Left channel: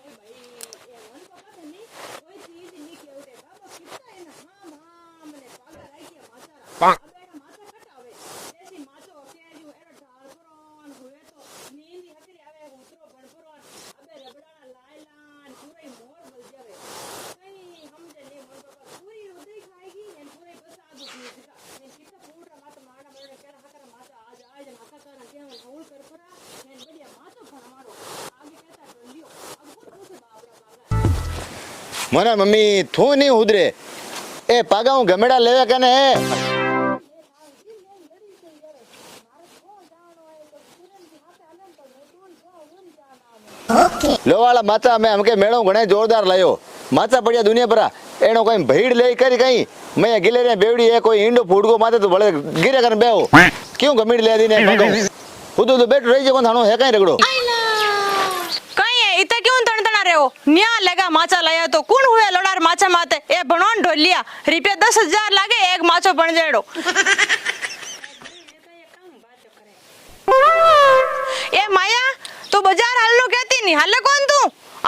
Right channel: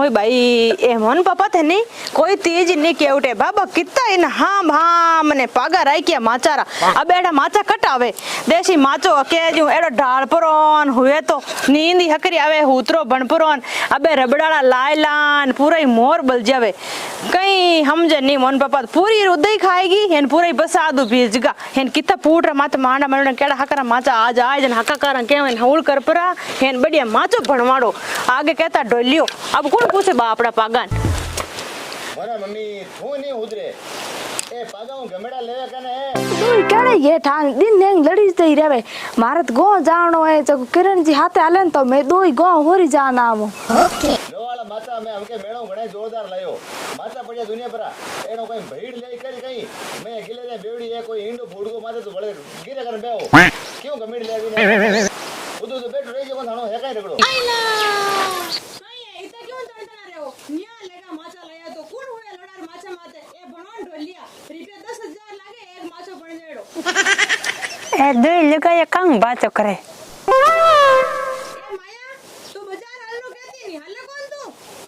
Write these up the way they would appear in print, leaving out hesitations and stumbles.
होई भाई ए मन पापा थे नहीं कोई तेज नहीं केवटे बाबा कितना इन हाम हाम ने पागा राई किया माचारा अब एड़ा माचा कटावे देसी माचो के जो एड़ो ढाल परोन हुए तो नींदी हकरी आवे हुतरो बनपरोन अबे रबड़ाला लायलान पूरा ही मोर बल जावे कहीं समझे नहीं मन पापा पूरी उदय खाएगी हेन पूरा ही बसादू भीजगा हेन कितना पूरा माता मांडा मरना केड़ा हकरा माचा आज आए जन हका करा केवन हौल कर परा हेन बढ़िया माचो भणवाड़ो आगे कहता डोलियो अब कौन पूछे बापड़ा पागान मना मम्मी थू नहीं उधरे ए पागा हूं गमेड़ा लेवे कने केड़े ये ठान दिन ने लड़ी जई रेवे मारत गो जानो है जब किरण जी हाथे आले तो मैं दो ही गो होरी जाना आमो ओके लो वाला माचा मैं हमके मेड़ो घणे जोरदार लायो माचा पड़िया दुनिया पर एनो कोई भीड़ ले करी कहीं मैं गिले रे बेवड़ी है कोई इंडो फूडको माथे तो बड़े गिरे कर बेओ क्यों गमीड़ ले दी ने उदो तो बैठ रही जे कोन थानो है कहीं रगड़ो कहीं है इता क्यों तणतना रे हो न्या लगा माचा लाया तो कौन हुए लड़ार माचा माते ए बनोन ढोलिया रुपया 10,000 लागे एक माचो बन जेड़ो ए दे लगा ये कंग बात करे ए माया तू बाजार हालनो कहती नहीं हाले कौन तू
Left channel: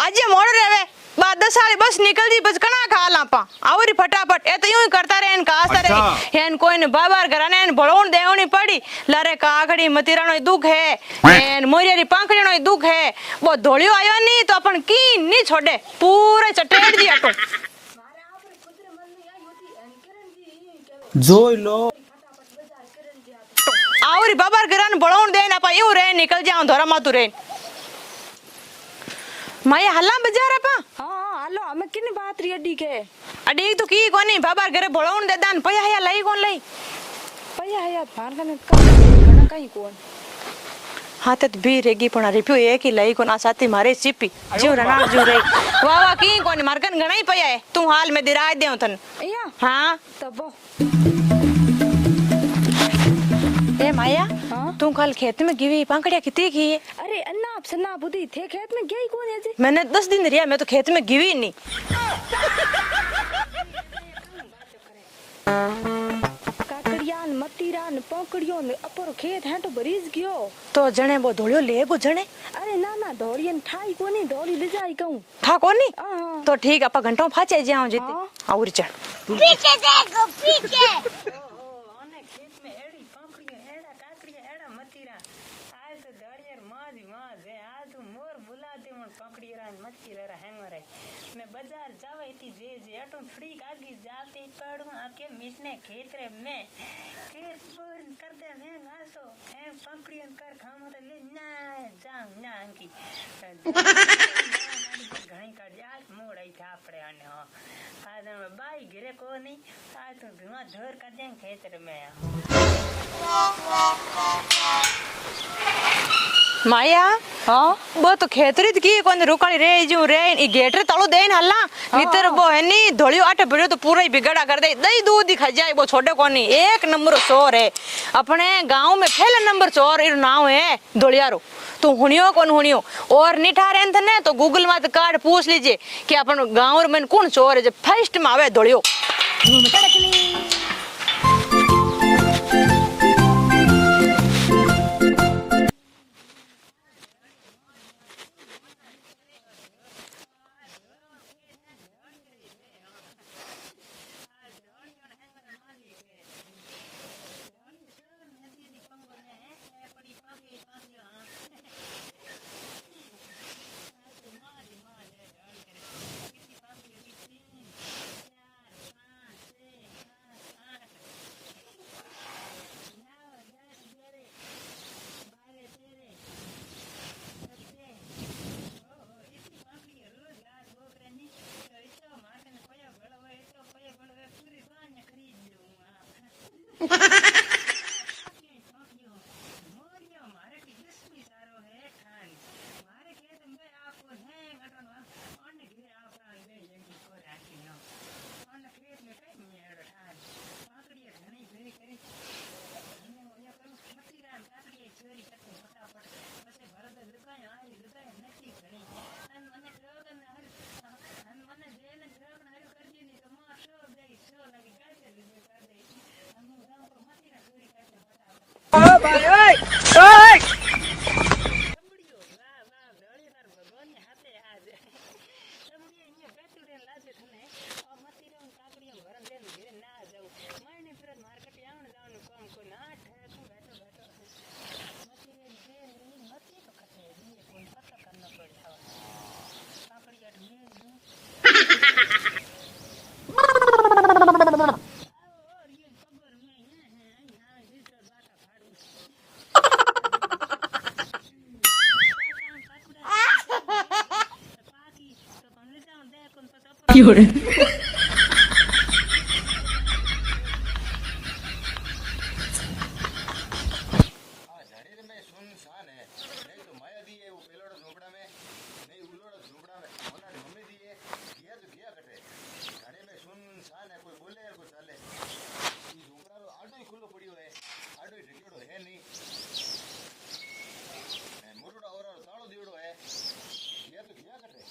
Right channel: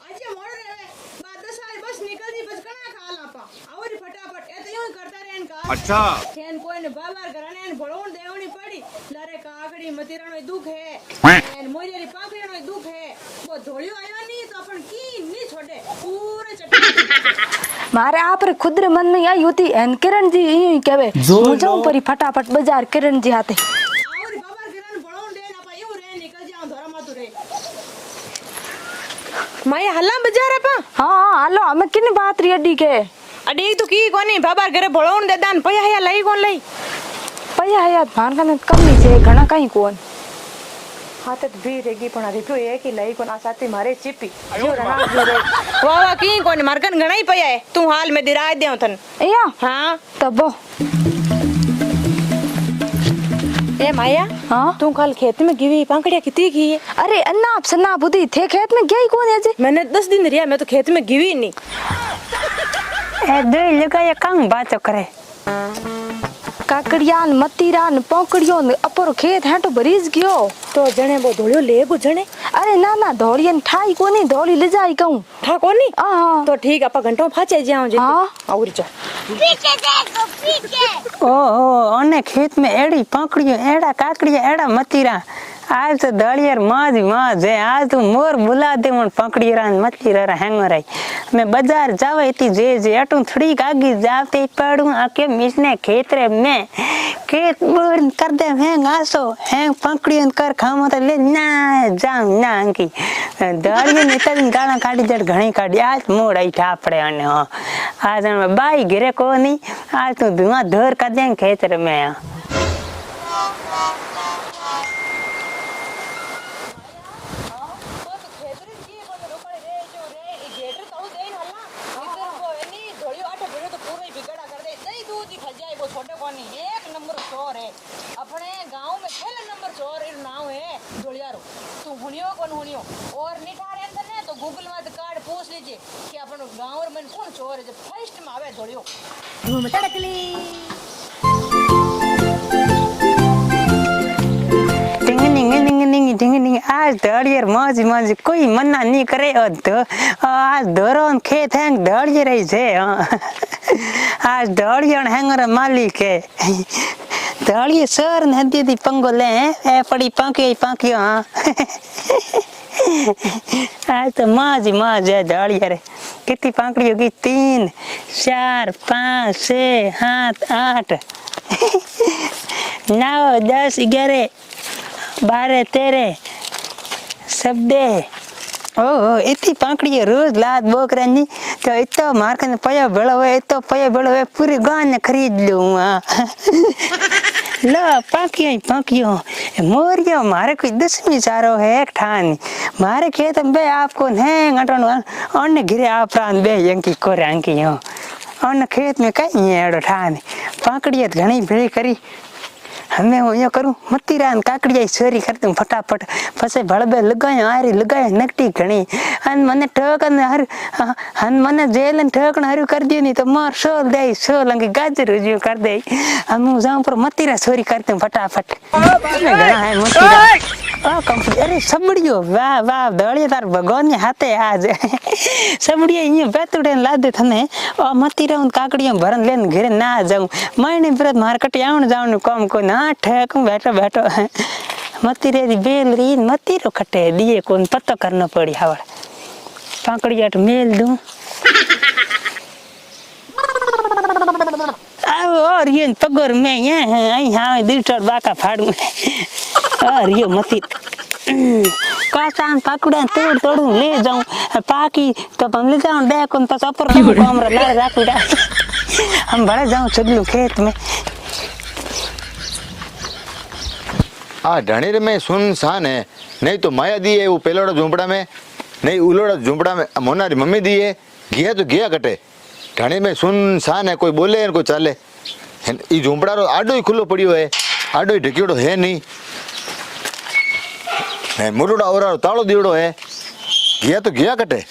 आज ये मोड़ रेवे बाद 10 साल बस निकल दी बस कना खा लापा आवरी फटाफट ए तो यूं ही करता रहेन का असर है हेन कोई ने बाबार घराने ने भळोण देवनी पड़ी लारे कागड़ी मतीरानो दुख है एन मोरियारी पांखड़ीनो दुख है वो धोलियो आयो नहीं तो अपन की नहीं छोड़े पूरे चटेट दिया तो मारे आप रे खुद रे मन में आई होती एन किरण जी यूं ही कहवे जो परी फटाफट बाजार किरण जी हाथे आवरी बाबार घराने भळोण देना पा यूं रे निकल जाऊं धोरा मातू रे माई हल्ला बाजार आपा हां हालो हमें किने बात री अड्डी के अडी तो की कोनी बाबार घरे भळोण दे दान पया हया लई कोन लई पया हया भान कने कम जे घणा कहीं कोन हाथे तो भी रेगी पण रिप्यो एक ही लई कोन आसाती मारे चिपी जो रणा जो रे वावा की कोनी मारकन घणाई पया है तू हाल में दिराय देऊ थन एया हां तबो ए माया हां तू कल खेत में गिवी पांकड़िया कितनी की है अरे अन्ना आप सन्ना बुद्धि थे खेत में गई कौन है जे मैंने 10 दिन रिया मैं तो खेत में गिवी नहीं ए दे लगा ये कंग बात करे काकड़ियान मतीरान पोकड़ियों अपर खेत है तो बरीज गयो तो जणे वो धोलियो ले गो जणे अरे ना ना धोलियन ठाई कोनी धोली ले जाई कहूं था कोनी हां तो ठीक आपा घंटो फाचे जाऊं जे हां और जा पीछे देखो पीछे ओ ओने खेत में एड़ी पाकड़ियो एड़ा काकड़िया एड़ा मतीरा आज तो दड़ियर माज माज है आज तो मोर बुला दे मन पकड़ी रहा मछली रहा हैंग रही मैं बाजार जावे इतनी जे अटू थोड़ी आगे जाते पड़ू आके मिसने खेत रे में खेत बोर कर दे हैंग आसो हैंग पकड़ियन कर खामो तो ले ना जाऊं ना अंकी दड़ियर नितरी गाना काटी जड़ घणी काटी आज मोड़ आई ठापड़े अने हां आज मैं बाई गिरे को नहीं आज तो धुआं धर कर दे खेत रे में माया हां वो तो खेतरी की कोन रुकाली रे जो रे ई गेट रे तळो देन हल्ला भीतर वो है नी धोलियो आटे भरियो तो पूरा ही बिगड़ा कर दे दही दूध ही खा जाए वो छोटे कोनी एक नंबर चोर है अपने गांव में पहला नंबर चोर इर नाम है धोलियारो तू हुनियो कौन हुनियो और निठा रेन थने तो गूगल में कार्ड पूछ लीजिए कि अपन गांव में कौन चोर है जब फर्स्ट में आवे धोलियो धूम तड़कली आज दड़ियर मौज मौज कोई मना नहीं करे आज धोरोन खेत हैंग दड़ियर रही छे आज दड़ियर हैंगर मालिक है दड़ियर सर नदी दी पंगो ले ए पड़ी पांकियो हां आज तो मौज मौज है दड़ियर कितनी पांकड़ियों की 3 4 5 6 7 8 9 10 11 12 13 सब दे ओ इतनी पाकड़ी रोज लाद बोकरानी तो इतो मार्केट पया बेड़ो है इतो पया बेड़ो है पूरी गांव ने खरीद लूं लो पाकियो मोरियो मारे कोई 10वीं चारो है एक ठान मारे खेत बे आपको ने गटन अन्य गिरे आप प्राण बे यंकी कोरे अंकी हो अन्य खेत में कहीं एड़ो ठान पाकड़ी घणी भेड़ी करी हमें वो यो करूं मतीरान काकड़िया चोरी कर दूं फटाफट फसे भड़बे लगायो आरी लगायो नकटी घणी अन मने ठोकन हर हन मने जेलन ठोकन हरु कर दियो नहीं तो मार सोल दे सोल अंगे गाजर जो कर दे हम जाऊं पर मतीरा चोरी कर दूं फटाफट अरे सबड़ियो वाह वाह दड़िया तार भगवान ने हाथे आज सबड़िया ये बेतुड़े लादे थने और मती रहूं काकड़ियां भरन लेन घरे ना जाऊं मैंने ब्रत मार्केट आउन जाऊं काम को ना ठेक बैठो बैठो मती रे बेल री मती रो खटे दिए कोन पत्तो करना पड़ी हवड़ काकड़िया तो मेल दूं और ये पगोर में ये आई हां दिलचर बाका फाड़ू और ये मती कासान पकड़ा तोड़ तोड़ू ले जाऊं पाकी तो हम ले जाऊं दे कोन तो ऊपर हमरा ले राखूड़ा हम बड़ा जाऊं चलू खेत में आ ढणीर में सुनसान है नहीं तो माया दी है वो पेलोड़ा झूंपड़ा में नहीं उलोड़ा झूंपड़ा में मोनारी मम्मी दी है गया तो गया कटे ढणे में सुनसान है कोई बोले कोई चाले ई झूंपड़ा रो आडो ही खुलो पड़ियो है आडो ही ढकियोड़ो है नहीं है मुरुड़ा और तालो दीड़ो है गया तो गया कटे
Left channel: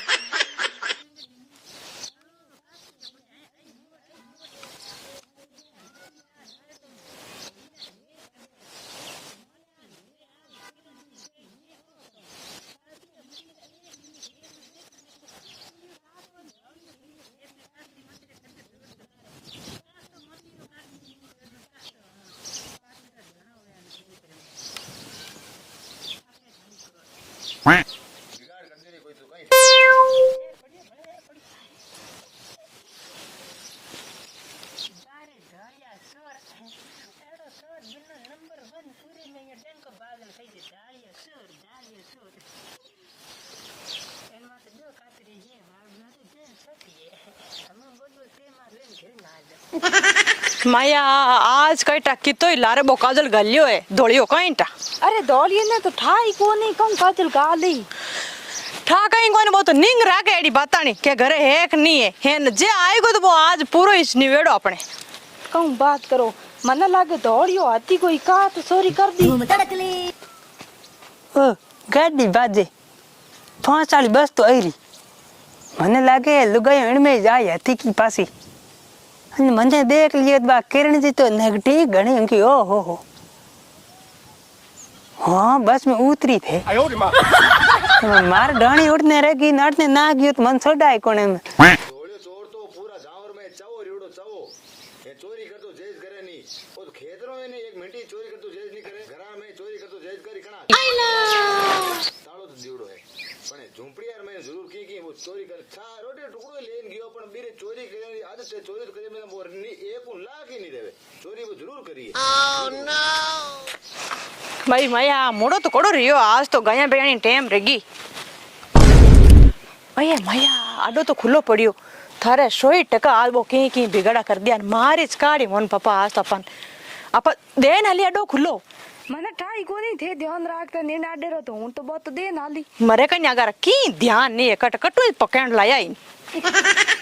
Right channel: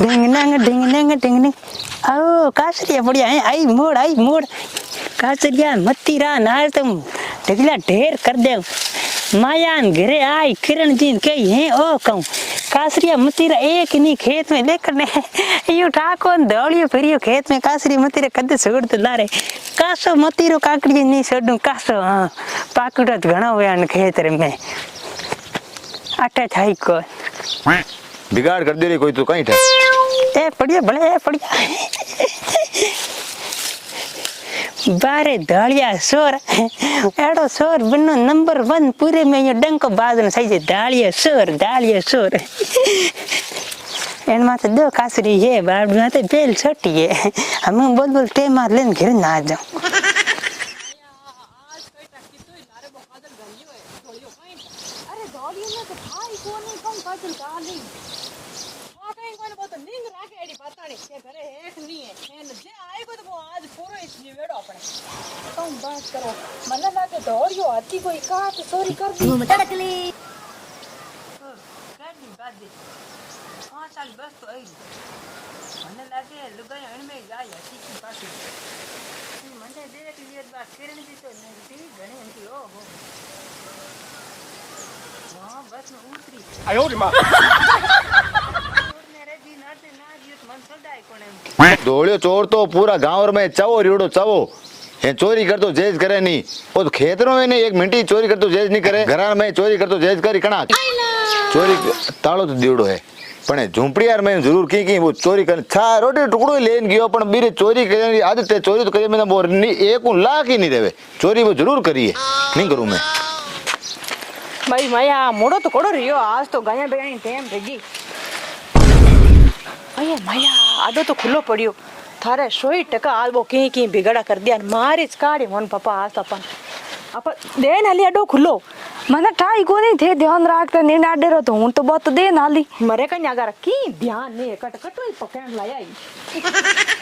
डिंग नंग ओ कासरिया बढ़िया है आई मोड़ कासरिया मती रा नार तुम ढगला ढेर कर दे मायान घरे आई किरण जी के हैं ओ कहूं कासरिया मतीरा एक नहीं खेत में लेकर ने यू ठाको दौड़ियो फिरियो खेत में कासरी मतीरा कदे छोड़ तो लारे कासो मतीरो काकड़ी नहीं छोड़ू कासो हां पाकड़ा घणा होया न खेत रे में अटे थाई को बिगाड़ कर दे रे कोई तो कहीं ठे ए पड़िया भले ए पड़िया बारे दालिया सोर एड़ो सोर बनो नंबर 1 पूरे में ये डंको बाजन सही से दालिया सोर एन माते दो कासरी है बाड़ माते बेल छोटी है हम बोल टे मार लेन घर ना जाऊं माया आज कई टक्की तो लारे बो काजल गलियो है धोलियो कईटा अरे दौड़िए ने तो ठाई को नहीं कम काजल गाली ठा कहीं कोई वो तो निंग राके एडी बतानी के घरे है कि नहीं है हेन जे आएगो तो वो आज पूरो इस निवेड़ो अपने कम बात करो मन लागे दौड़ियो हाथी कोई का तो चोरी करती ओ गाड़ी बाजे 5 वाली बस तो आईरी मने लागे लुगाई इनमें जाए हाथी की पासी मने देख लिए बा किरण जी तो नेगेटिव घणी उनकी ओ हो हाँ बस में उतरी थे मार डाणी उठने रहेगी नटने ना गयो तो मन छोड़ा कोने में दौड़ियो चोर तो पूरा गांव में चावो रियोड़ो चावो ये चोरी कर तो जेज करे नहीं वो तो खेतरों में नहीं एक मिनटी चोरी कर तो जेज नहीं करे घरान में चोरी कर तो जेज करी कणा चोरी तालो तो दीवड़ो है पण झूंपड़ी यार मैं जरूर की वो चोरी कर छा रोटी टुकड़ो लेन गयो पण बीरे चोरी करने आदत है चोरी तो करे में वो एक लाख ही नहीं देवे चोरी वो जरूर करी है नहीं करूं मैं मारी माया मुड़ो तो कोड़ो रियो आज तो गाया बेयानी टेम रेगी माया माया आदो तो खुलो पड़ियो थारे 100% आज वो की बिगड़ा कर दिया मारिच काड़ी मोन पापा आज अपन देन हली अडो खुलो मन ठाई को नहीं थे ध्यान रखते नींद आडे रो तो हूं तो बहुत दे नाली मरे कन्या अगर की ध्यान नहीं कट कटू पकड़ लायाई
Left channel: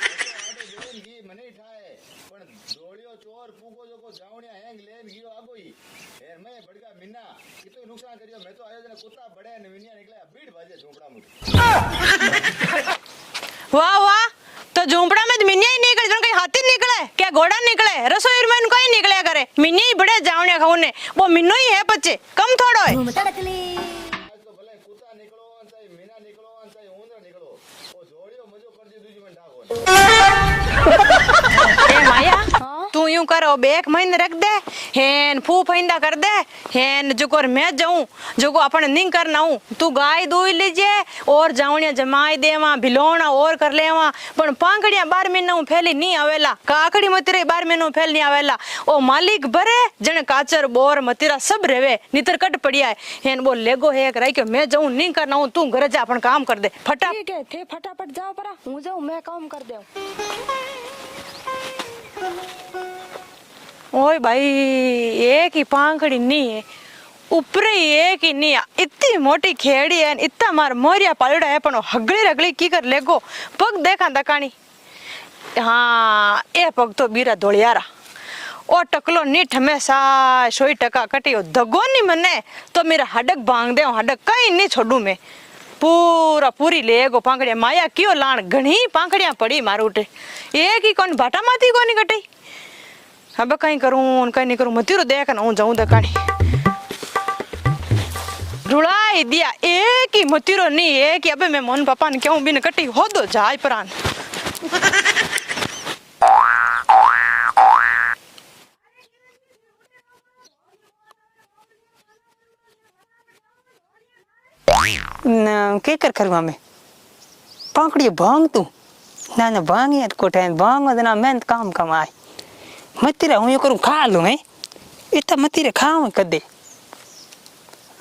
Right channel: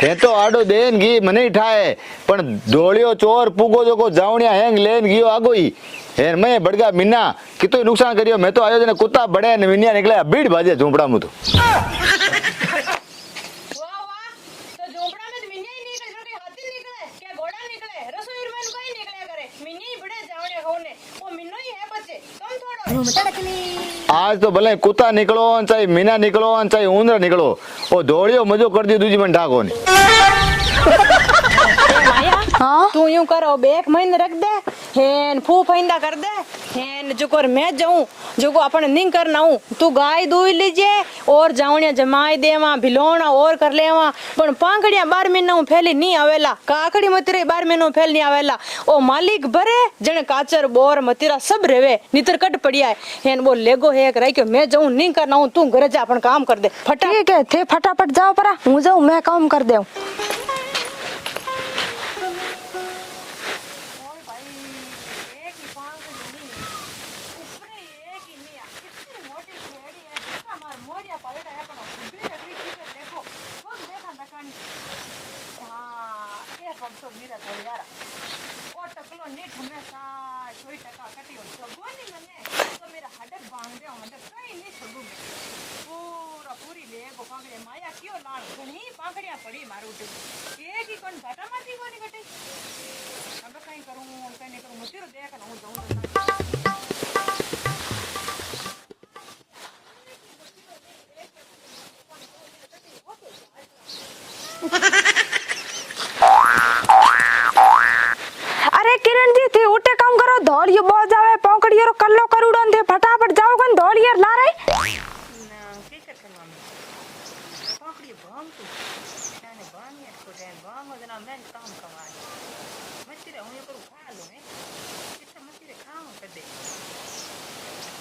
थे तो आडो देन गी मने ठाए पण दौड़ियो चोर पुगो जो को जावणिया हैंग लेन गियो आगो ही है मैं बड़गा मिन्ना कितो नुकसान करियो मैं तो आयो जने कुत्ता बड़े ने मिन्या निकले भीड़ भाजे झूंपड़ा में तो वाह वाह तो झूंपड़ा में मिन्या ही निकले जन कहीं हाथी निकले क्या घोड़ा निकले रसोई में कहीं निकले करे मिन्या ही बड़े जावणिया खाउने वो मिन्नो ही है बच्चे कम थोड़ो है आज तो भले कुत्ता निकलो चाहे मीना निकलो चाहे ऊंदरा निकलो वो दौड़ियो मजो कर दी दूजी मन ढाको ने तू यूं करो बेक महीने रख दे हेन फू फैंदा कर दे हेन जुकोर मैं जाऊं जुको अपन निंग करना हूं तू गाय दूई लीजिए और जावणिया जमाई देवा भिलोणा और कर लेवा पण पांगड़िया 12 महीना फैली नहीं आवेला काकड़ी मतीरा 12 महीना फैल नहीं आवेला ओ मालिक भरे जने काचर बोर मतीरा सब रेवे नितर कट पड़िया है हेन वो लेगो है एक रही के मैं जाऊं निंग करना हूं तू घर जा अपन काम कर दे फटा ठीक है थे फटाफट जाओ परा हूं जाऊं मैं काम कर देऊं ओए भाई एक ही पांगड़ी नहीं है ऊपर एक ही नहीं इतनी मोटी खेड़ी है इतना मार मोरिया पालड़ा है पण हगली रगली की कर लेगो पग देखा दकानी हाँ ए पग तो बीरा धोलियारा ओ टकलो नीठ हमेशा 100% कटियो दगो नहीं मने तो मेरा हडक भांग दे हडक कहीं नहीं छोड़ू मैं पूरी लेगो पांगड़िया माया क्यों लाण घणी पांगड़िया पड़ी मारू उठे एक ही कौन भाटा माती को नहीं कटी अब कहीं करूं कहीं नहीं करूं मतीरो देख ना हूं जाऊं दकानी रुलाई दिया एक ही मतीरो नहीं एक ही अबे मैं मोहन पापा ने क्यों बिन कटी हो दो जाय प्राण अरे किरण जी थी उठे काम करो धोलियो बोझ आवे पकड़ियो कल्लो करूडन थे फटाफट जाओ कन धोलियो ला रे के कर करूँ मैं पकड़िए भांग तू ना भांग यार कोटे भांग ना मैं काम कमाए मत रे हूँ ये करूँ खा लूँ मैं इतना मत रे खाऊँ कदे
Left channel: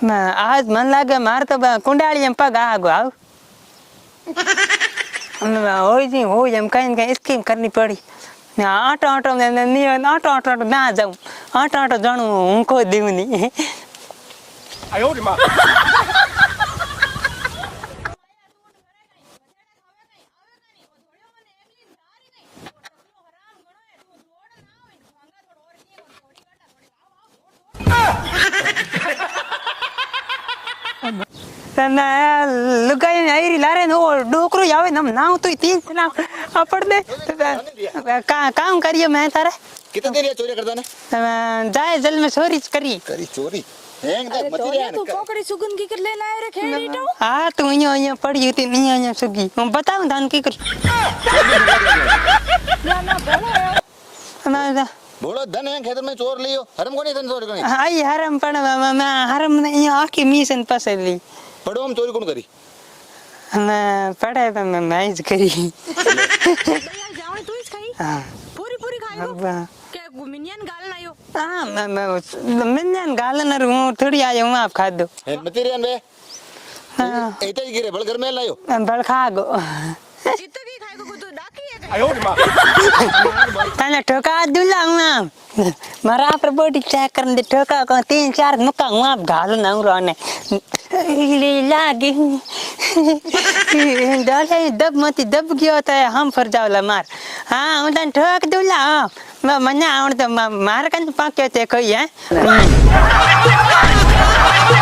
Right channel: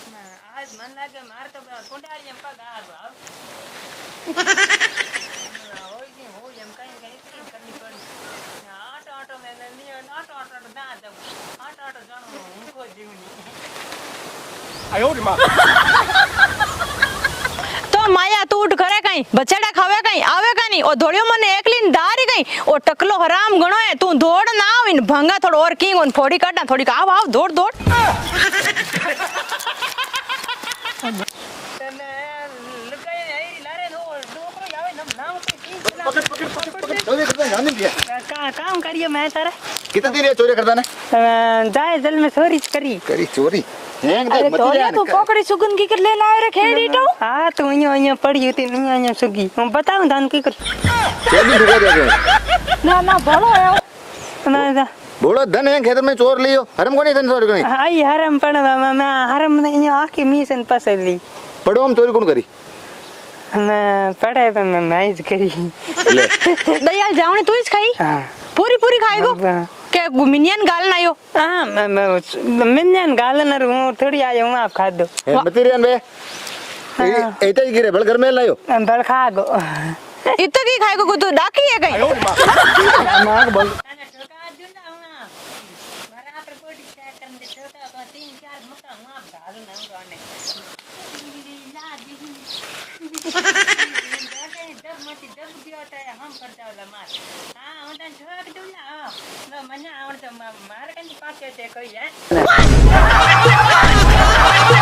मैं आज मन लगे मार तो कुंडाली हम पग आगो आओ हो जी हो हम कहीं स्कीम करनी पड़ी मैं आटो आटो नहीं आटो आटो ना जाऊँ आटो आटो जानू उनको दूँ नहीं तो माया तू उठ करे कहीं बचेड़ा खावे कहीं आवे का नहीं और धोड़ियो मने एकलीन दारी कहीं और टकलो हराम गणो है तू दौड़ ना आव इन भंगा थोड़ा और की उन फोड़ी काटना थोड़ी का आव दौड़ दौड़ लुगाई आई लारे नो डोकरो यावे नम नाव तो तीन चला पड़ दे काम करिए मैं तारे कितना देर चोरी करता ना जाए जल में चोरी करी करी चोरी हैंग दे अरे मत धोलियो जान तू पकड़ी सुगन की कर ले लाए रे खेड़ी तो हाँ तो यहाँ पड़ी होती नहीं यहाँ सुगी हम बताऊँ धान की कर ना भलो है बोलो धन है खेत में चोर लियो हरम को नहीं धन चोरी कोनी आई हरम पड़ मैं हरम नहीं आके मिशन पसली पड़ो हम चोरी कौन करी मैं पढ़े तो मैं मैच करी दया जावनी तू इस खाई हाँ पूरी पूरी खाएगो के मिनियन गाल ना आयो हाँ मैं मिन्यान गालन हूँ थोड़ी आया हूँ आप खा दो मत रियन बे एटा ही गिरे बल घर में लायो बल खा गो इतना की खाएगो को तू डाकी है कहीं तने ठोका दूला हूँ मरा पर बॉडी चेक करने दे ठोका को 3-4 मुक्का हूँ आप गाल ना हूँ रोने लागी डाले दब मती दब गया होता है हम फर जाओ मार हाँ हूँ तने ठोक दूला मैं मन्ना आउट तो मार कन पाके ते कोई है